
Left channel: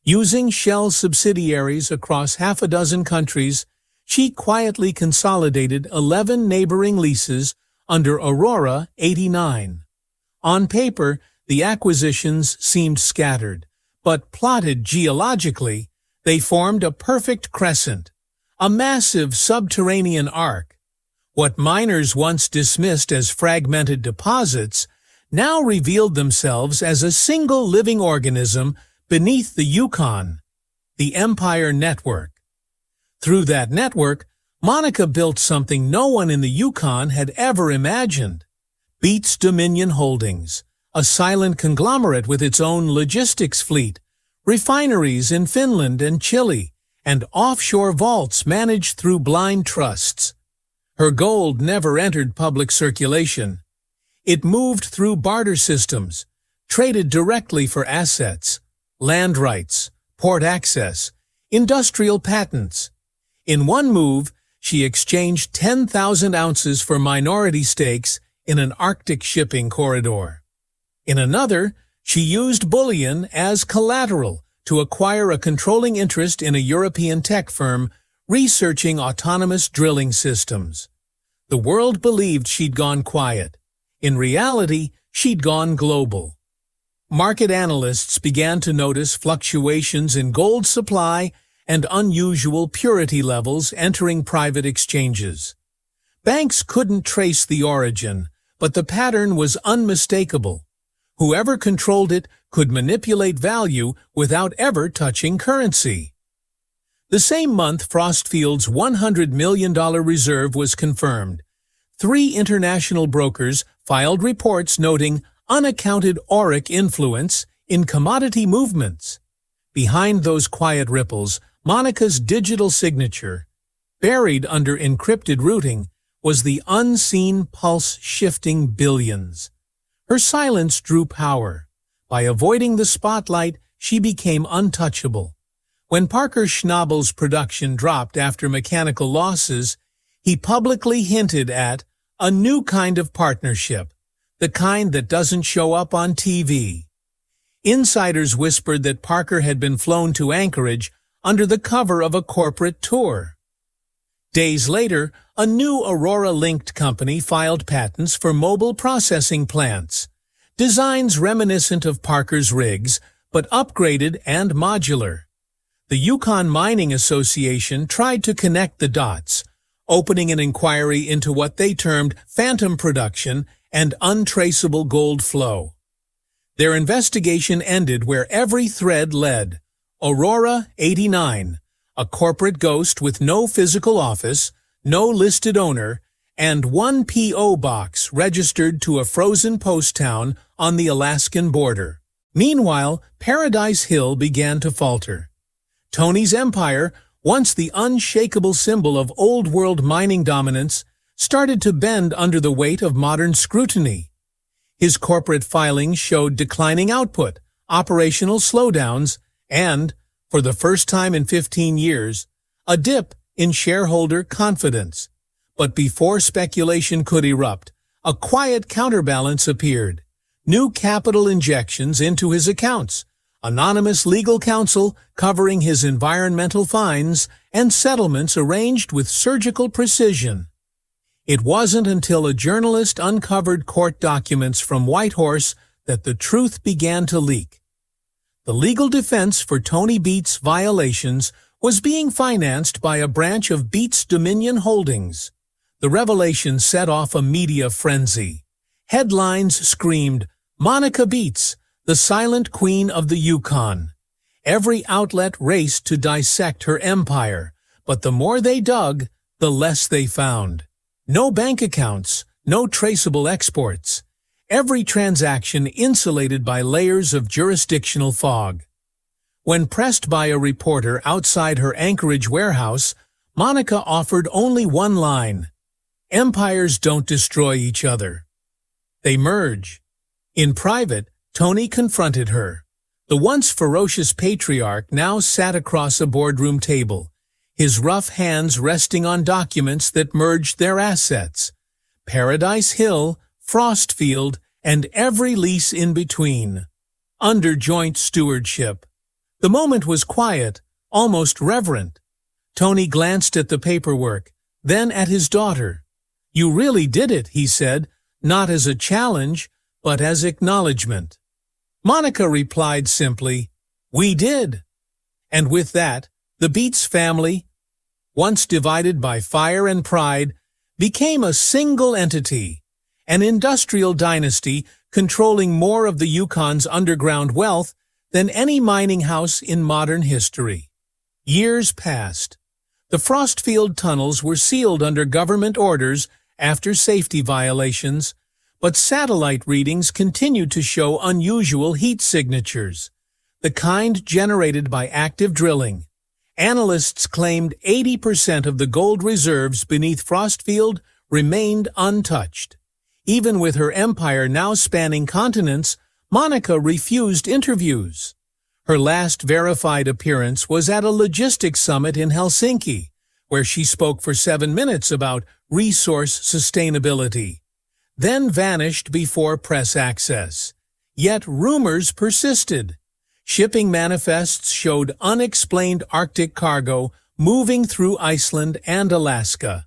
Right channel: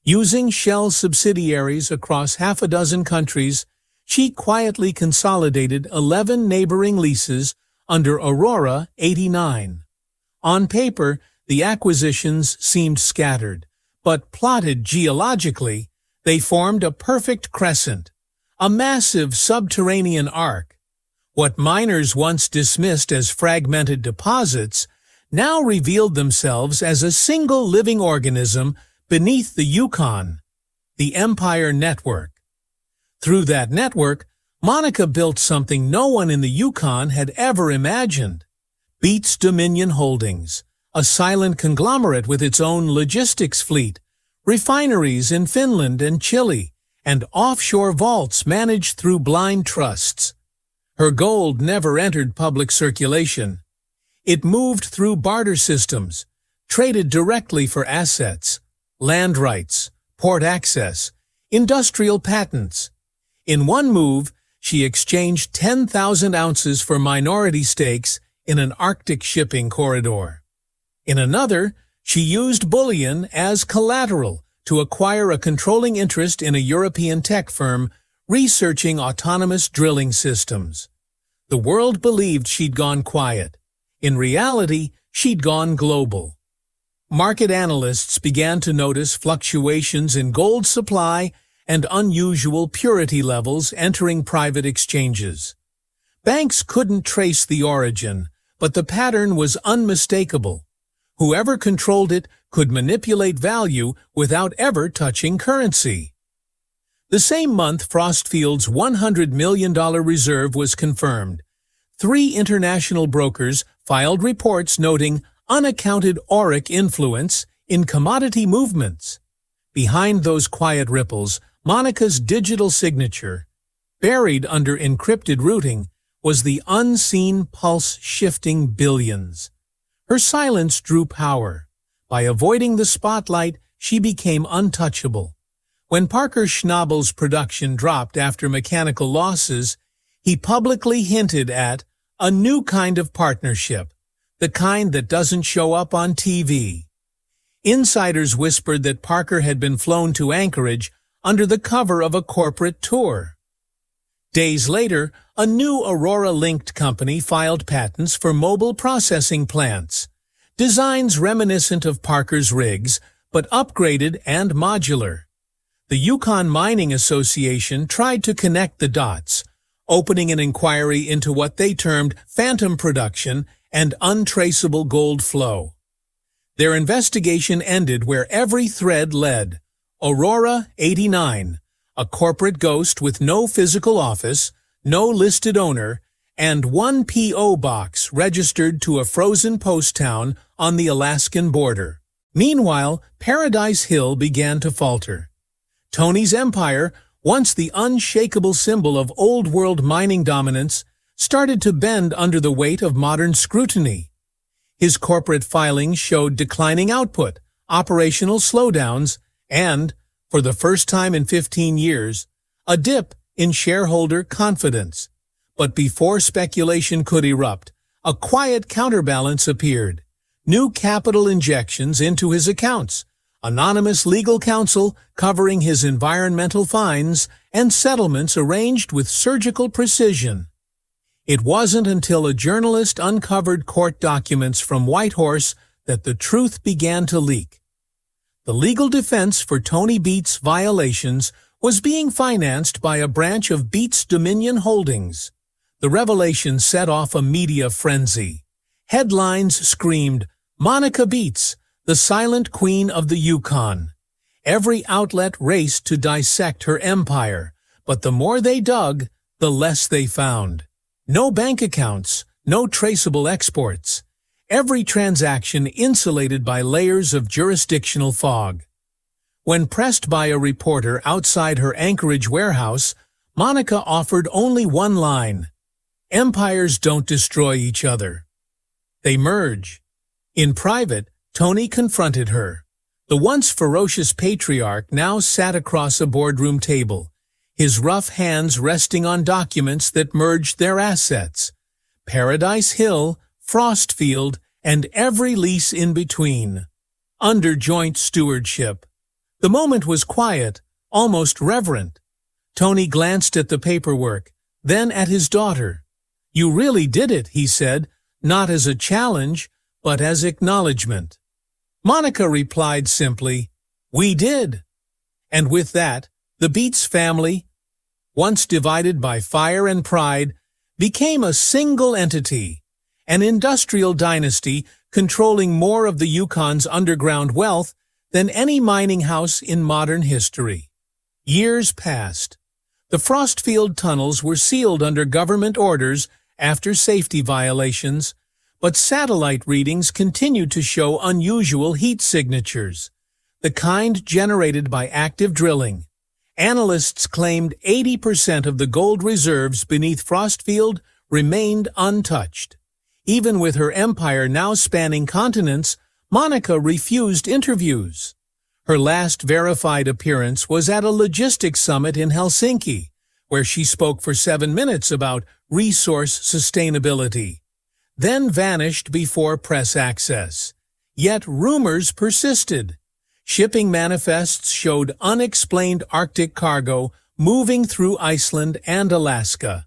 Using shell subsidiaries across half a dozen countries, she quietly consolidated 11 neighboring leases under Aurora 89. On paper, the acquisitions seemed scattered, but plotted geologically, they formed a perfect crescent, a massive subterranean arc. What miners once dismissed as fragmented deposits now revealed themselves as a single living organism beneath the Yukon, the Empire Network. Through that network, Monica built something no one in the Yukon had ever imagined. Beets Dominion Holdings, a silent conglomerate with its own logistics fleet, refineries in Finland and Chile, and offshore vaults managed through blind trusts. Her gold never entered public circulation. It moved through barter systems, traded directly for assets, land rights, port access, industrial patents. In one move, she exchanged 10,000 ounces for minority stakes in an Arctic shipping corridor. In another, she used bullion as collateral to acquire a controlling interest in a European tech firm researching autonomous drilling systems. The world believed she'd gone quiet. In reality, she'd gone global. Market analysts began to notice fluctuations in gold supply and unusual purity levels entering private exchanges. Banks couldn't trace the origin, but the pattern was unmistakable. Whoever controlled it could manipulate value without ever touching currency. The same month, Frostfield's $100 million reserve was confirmed. 3 international brokers filed reports noting unaccounted auric influence in commodity movements. Behind those quiet ripples, Monica's digital signature, buried under encrypted routing, was the unseen pulse shifting billions. Her silence drew power. By avoiding the spotlight, she became untouchable. When Parker Schnabel's production dropped after mechanical losses, he publicly hinted at a new kind of partnership, the kind that doesn't show up on TV. Insiders whispered that Parker had been flown to Anchorage under the cover of a corporate tour. Days later, a new Aurora-linked company filed patents for mobile processing plants, designs reminiscent of Parker's rigs, but upgraded and modular. The Yukon Mining Association tried to connect the dots, opening an inquiry into what they termed phantom production and untraceable gold flow. Their investigation ended where every thread led. Aurora 89, a corporate ghost with no physical office, no listed owner, and 1 P.O. box registered to a frozen post town on the Alaskan border. Meanwhile, Paradise Hill began to falter. Tony's empire, once the unshakable symbol of old-world mining dominance, started to bend under the weight of modern scrutiny. His corporate filings showed declining output, operational slowdowns, and, for the first time in 15 years, a dip in shareholder confidence. But before speculation could erupt, a quiet counterbalance appeared. New capital injections into his accounts, anonymous legal counsel covering his environmental fines, and settlements arranged with surgical precision. It wasn't until a journalist uncovered court documents from Whitehorse that the truth began to leak. The legal defense for Tony Beets' violations was being financed by a branch of Beets Dominion Holdings. The revelation set off a media frenzy. Headlines screamed, "Monica Beets, the silent queen of the Yukon." Every outlet raced to dissect her empire, but the more they dug, the less they found. No bank accounts, no traceable exports. Every transaction insulated by layers of jurisdictional fog. When pressed by a reporter outside her Anchorage warehouse, Monica offered only one line: "Empires don't destroy each other. They merge." In private, Tony confronted her. The once ferocious patriarch now sat across a boardroom table, his rough hands resting on documents that merged their assets: Paradise Hill, Frostfield, and every lease in between, under joint stewardship. The moment was quiet, almost reverent. Tony glanced at the paperwork, then at his daughter. "You really did it," he said, not as a challenge, but as acknowledgement. Monica replied simply, "We did." And with that, the Beets family, once divided by fire and pride, became a single entity, an industrial dynasty controlling more of the Yukon's underground wealth than any mining house in modern history. Years passed. The Frostfield tunnels were sealed under government orders after safety violations, but satellite readings continued to show unusual heat signatures, the kind generated by active drilling. Analysts claimed 80% of the gold reserves beneath Frostfield remained untouched. Even with her empire now spanning continents, Monica refused interviews. Her last verified appearance was at a logistics summit in Helsinki, where she spoke for 7 minutes about resource sustainability, then vanished before press access. Yet rumors persisted. Shipping manifests showed unexplained Arctic cargo moving through Iceland and Alaska,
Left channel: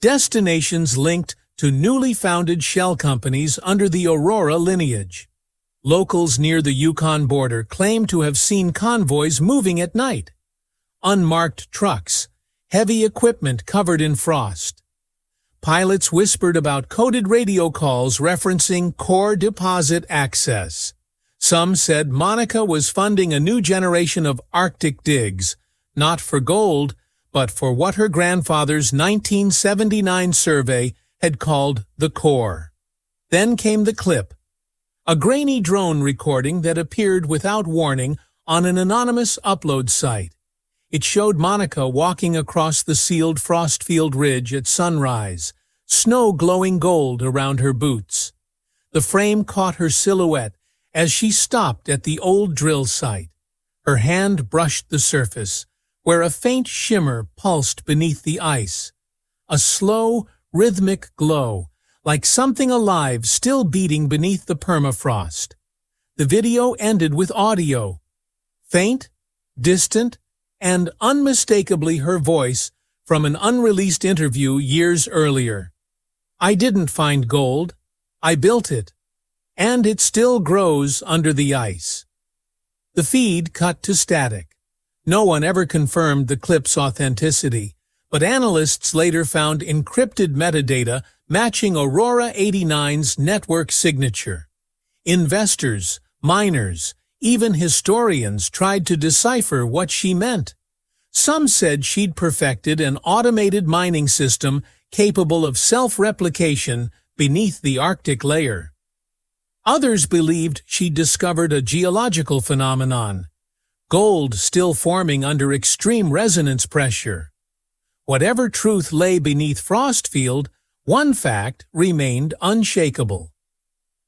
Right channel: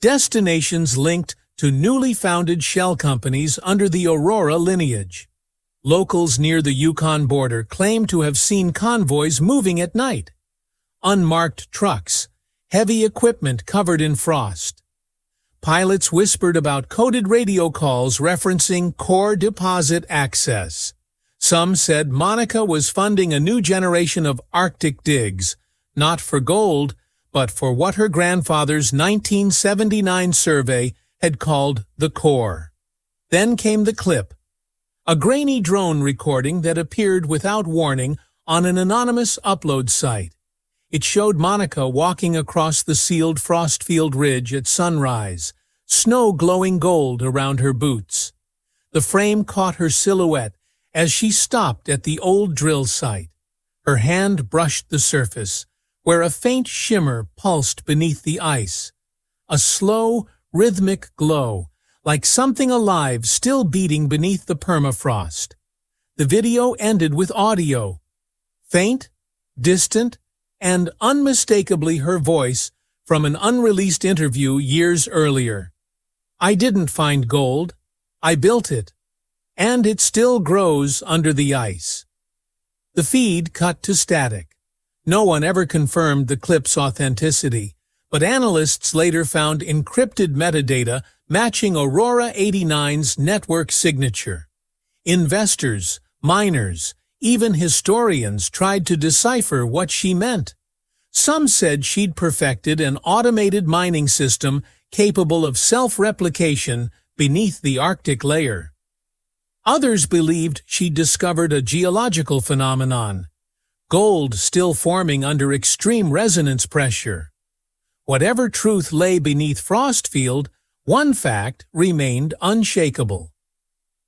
destinations linked to newly founded shell companies under the Aurora lineage. Locals near the Yukon border claim to have seen convoys moving at night, unmarked trucks, heavy equipment covered in frost. pilots whispered about coded radio calls referencing core deposit access. Some said Monica was funding a new generation of Arctic digs, not for gold, but for what her grandfather's 1979 survey had called the core. Then came the clip, a grainy drone recording that appeared without warning on an anonymous upload site. It showed Monica walking across the sealed Frostfield ridge at sunrise, snow glowing gold around her boots. The frame caught her silhouette as she stopped at the old drill site. Her hand brushed the surface, where a faint shimmer pulsed beneath the ice. A slow, rhythmic glow, like something alive still beating beneath the permafrost. The video ended with audio. Faint, distant, and unmistakably her voice from an unreleased interview years earlier. I didn't find gold. I built it. And it still grows under the ice. The feed cut to static. No one ever confirmed the clip's authenticity, but analysts later found encrypted metadata matching Aurora 89's network signature. Investors, miners, even historians tried to decipher what she meant. Some said she'd perfected an automated mining system capable of self-replication beneath the Arctic layer. Others believed she'd discovered a geological phenomenon, gold still forming under extreme resonance pressure. Whatever truth lay beneath Frostfield, one fact remained unshakable.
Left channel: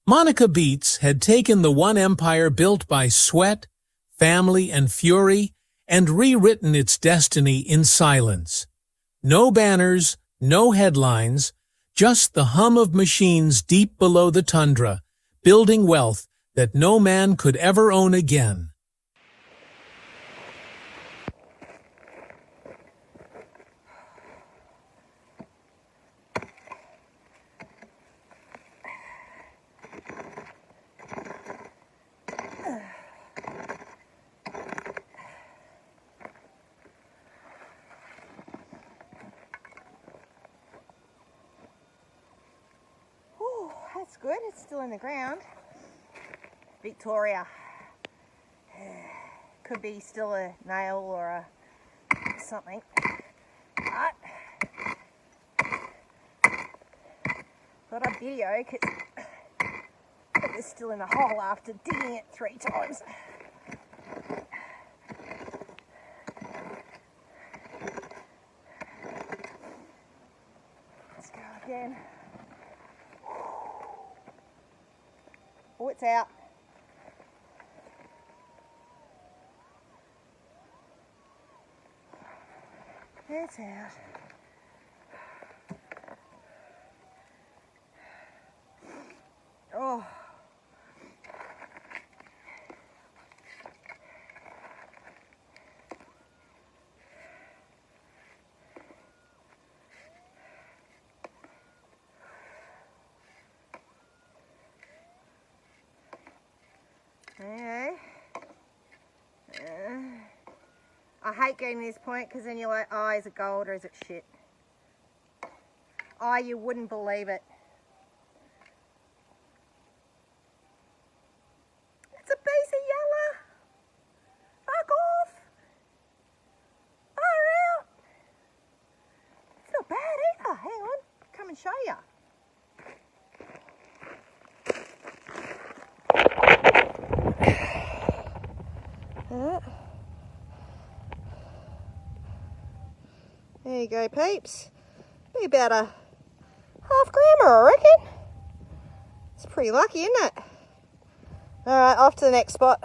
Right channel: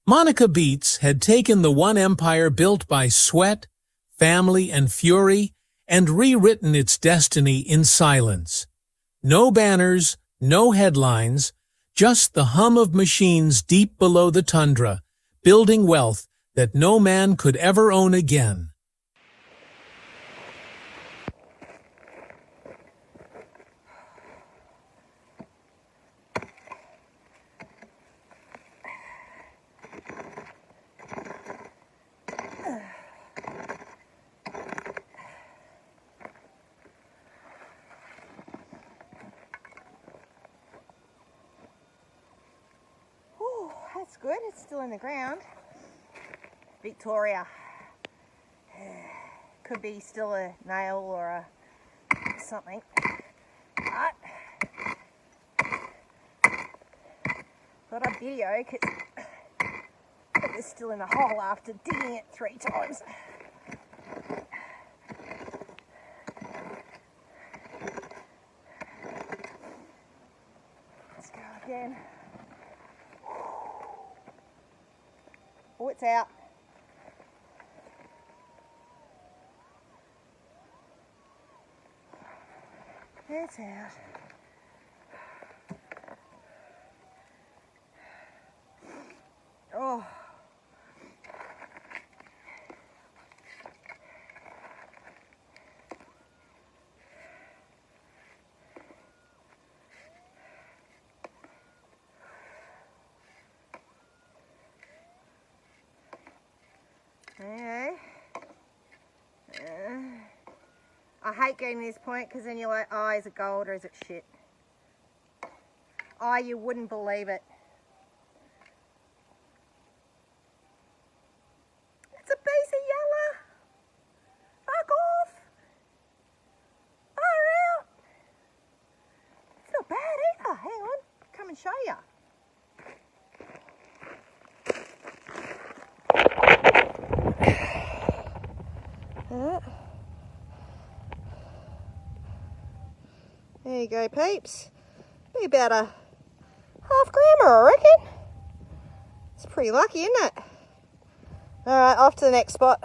Monica Beets had taken the one empire built by sweat, family, and fury, and rewritten its destiny in silence. No banners, no headlines, just the hum of machines deep below the tundra, building wealth that no man could ever own again. That's good, it's still in the ground. Victoria. Could be still a nail or a something. But thought I'd video because it was still in the hole after digging it 3 times. Let's go again. Oh, it's out. It's out. Oh. Okay. I hate getting to this point because then you're like, oh, is it gold or is it shit? Oh, you wouldn't believe it. It's a piece of yellow. Fuck off. Far out. It's not bad either. Hang on. Come and show you. There you go, peeps. Be about a half grammer, I reckon. It's pretty lucky, isn't it? Alright, off to the next spot.